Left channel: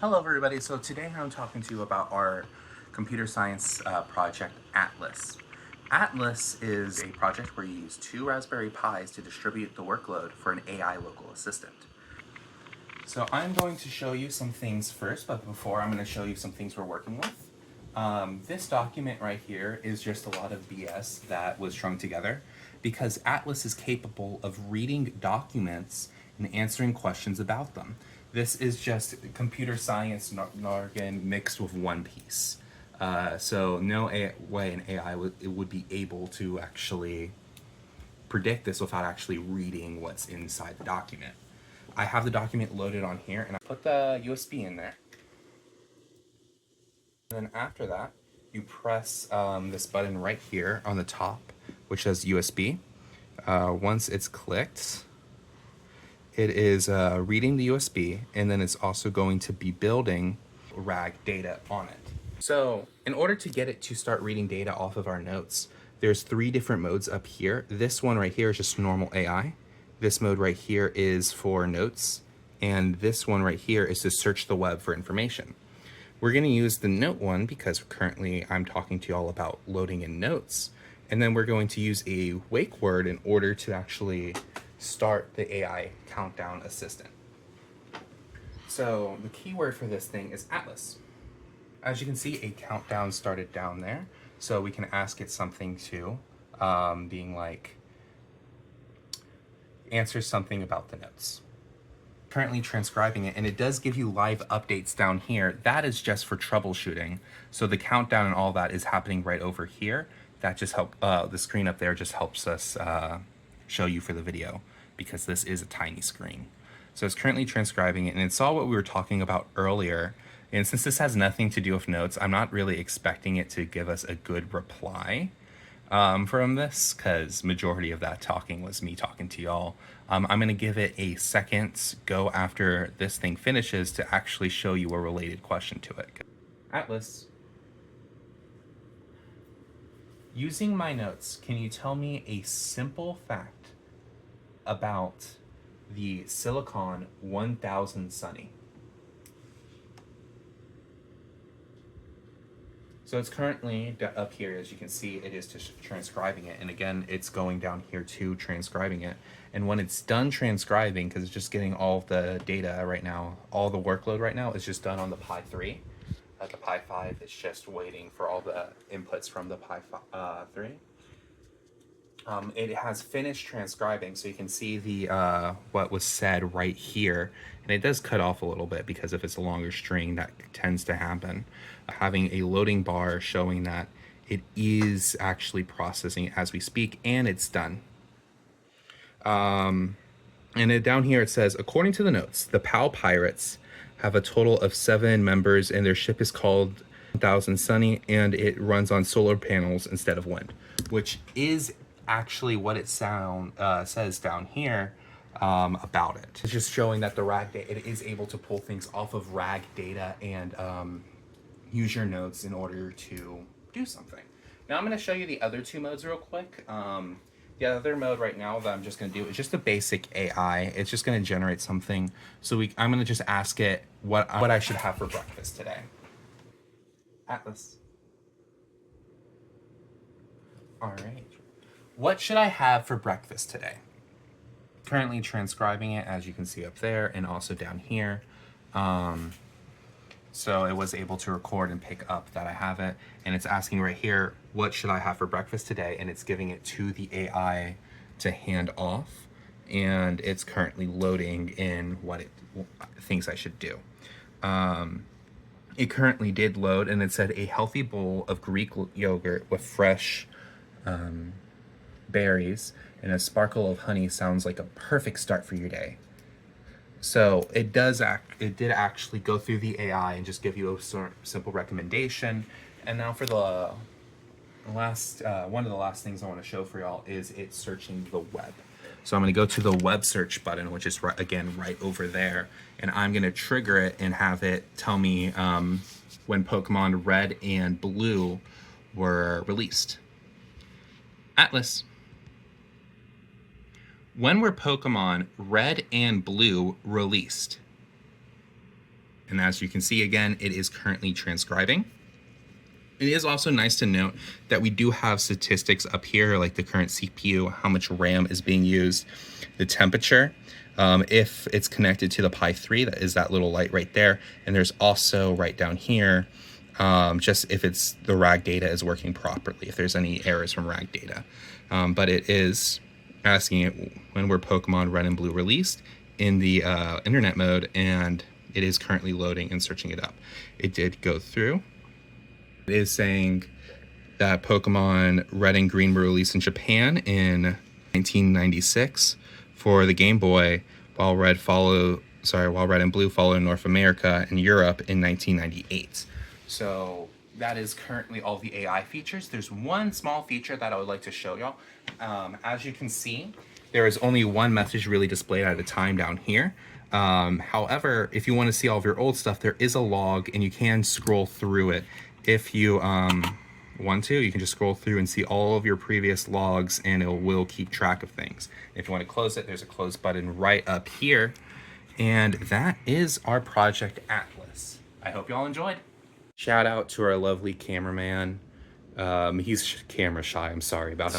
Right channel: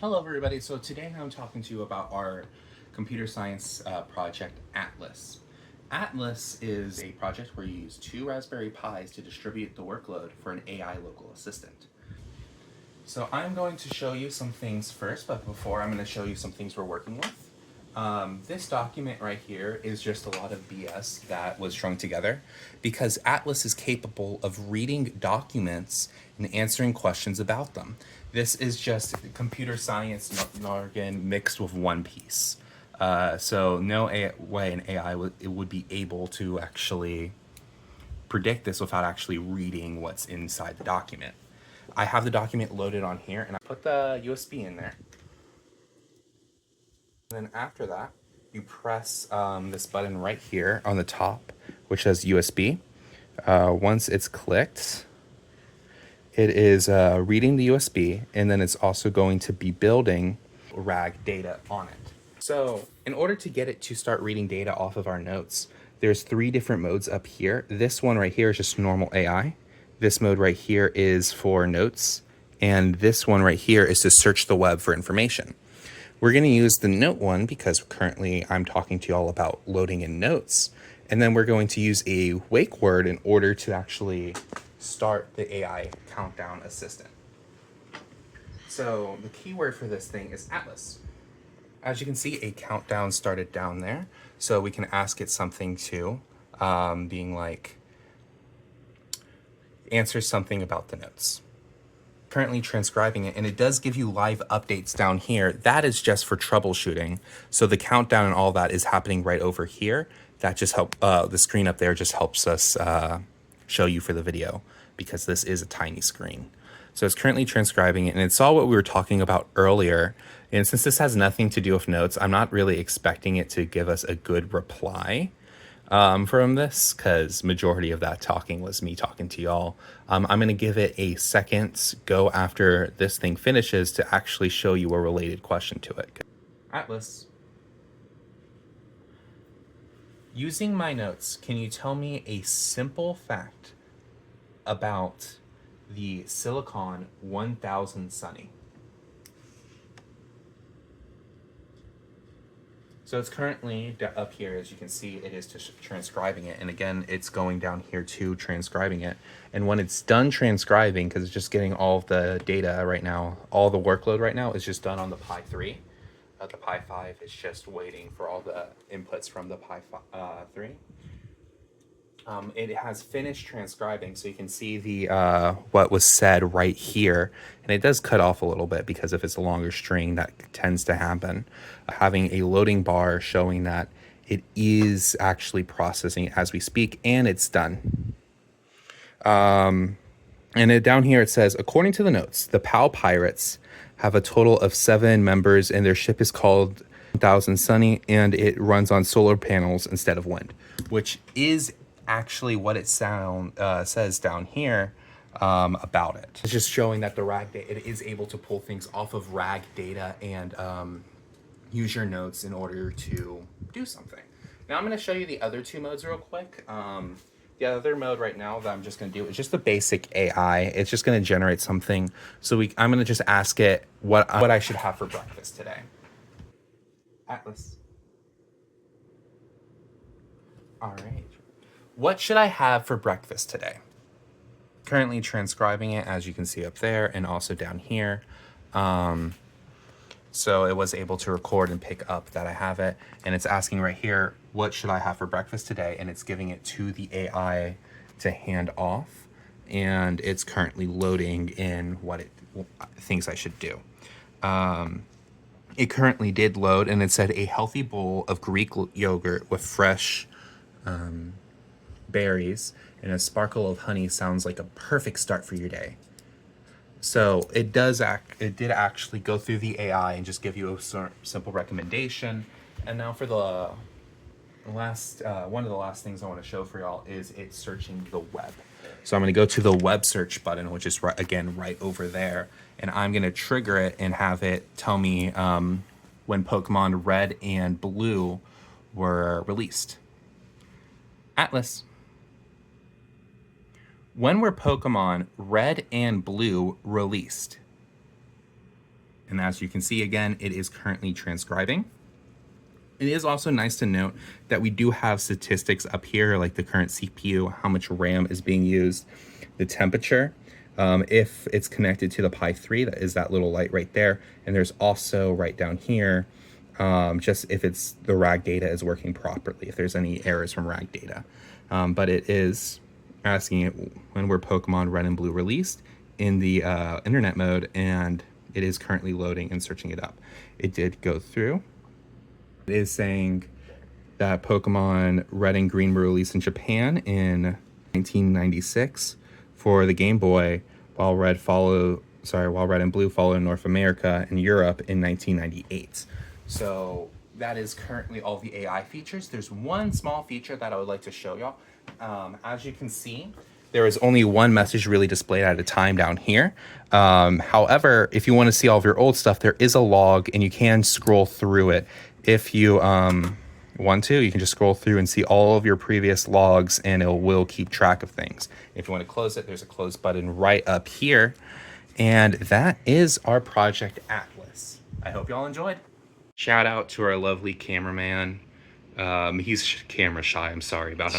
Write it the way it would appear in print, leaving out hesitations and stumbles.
Hello everybody, so today I'm talking to you about our computer science project Atlas. Atlas is a project where you use 2 Raspberry Pis to distribute the workload for an AI local assistant. So I'm going to show you some things first, but before I'm going to show you some things we're working with. This document right here is just a lot of BS that was strung together because Atlas is capable of reading documents and answering questions about them. This is just computer science jargon mixed with One Piece. So no way an AI would be able to actually predict this without actually reading what's inside the document. I have the document loaded on here and I put the USB in there. And then after that, you press this button right here on the top, which says USB. Once it's clicked, it is reading the USB, and then it's also going to be building RAG data on it. So in order to get it to start reading data off of our notes, there's 3 different modes up here. This one right here is just normal AI. This mode right here is for notes. And this one right here is to search the web for information. We're going to use the note one because currently I'm talking to you all about loading in notes. And then we're going to use a wake word in order to actually start the AI countdown assistant. So the keyword for this thing is Atlas. As you can see, a countdown started down there. So we can ask it something too, being like, answer something about the notes. Currently transcribing it, and it does give you live updates down here. That is just for troubleshooting. So the countdown and all that is happening right over here. That just help the screen up there just helps us show you for the video because this is a tiny screen. So it's currently transcribing it, and it's all what we were talking about earlier. And since this has nothing to do with notes, I'm not really expecting it to give us a good reply from this, because majority of that talking was me talking to y'all. I'm going to give it a second go after this thing finishes to actually show you a related question to it. Atlas, using my notes, can you tell me a simple fact about the Silicon 1000 Sunny? So it's currently up here, as you can see, it is just transcribing it. And again, it's going down here to transcribing it. And when it's done transcribing, because it's just getting all of the data right now, all the workload right now is just done on the Pi 3. The Pi 5 is just waiting for all the inputs from the Pi 3. It has finished transcribing, so you can see the what was said right here. And it does cut off a little bit because if it's a longer string, that tends to happen. Having a loading bar showing that it is actually processing as we speak, and it's done. And down here it says, according to the notes, the POW pirates have a total of 7 members, and their ship is called 1000 Sunny, and it runs on solar panels instead of wind, which is actually what it says down here about it. It's just showing that the RAG data, it is able to pull things off of RAG data and use your notes in order to do something. Now I'm going to show you the other 2 modes real quick. The other mode right now that I'm just going to do is just the basic AI. It's just going to generate something. So I'm going to just ask it what I should have for breakfast today. Atlas. All right. What should I have for breakfast today? Currently transcribing it, as you can see up there, and also down here. So it was able to record and pick up that I have it. And it's asking right here, what should I have for breakfast today? And it's giving it to the AI to hand off. And it's currently loading in what it thinks I should do. It currently did load, and it said a healthy bowl of Greek yogurt with fresh berries and a sparkle of honey sounds like a perfect start for your day. So it did actually go through the AI and just give you a simple recommendation. And now for the last one of the last things I want to show for y'all is it searching the web. So I'm going to go to the web search button, which is right over there, and I'm going to trigger it and have it tell me when Pokemon Red and Blue were released. Atlas. When were Pokemon Red and Blue released? And as you can see, again, it is currently transcribing. It is also nice to note that we do have statistics up here, like the current CPU, how much RAM is being used, the temperature, if it's connected to the Pi 3, that is that little light right there. And there's also right down here, just if it's the RAG data is working properly, if there's any errors from RAG data. But it is asking it when were Pokemon Red and Blue released in the internet mode, and it is currently loading and searching it up. It did go through. It is saying that Pokemon Red and Green were released in Japan in 1996 for the Game Boy, while Red and Blue follow in North America and Europe in 1998. So that is currently all the AI features. There's one small feature that I would like to show y'all. As you can see, there is only one message really displayed at a time down here. However, if you want to see all of your old stuff, there is a log and you can scroll through it. If you want to, you can just scroll through and see all of your previous logs, and it will keep track of things. If you want to close it, there's a close button right up here. And that is our Project Atlas. I hope y'all enjoyed. Shout out to our lovely cameraman. He's camera shy, I'm sorry about him.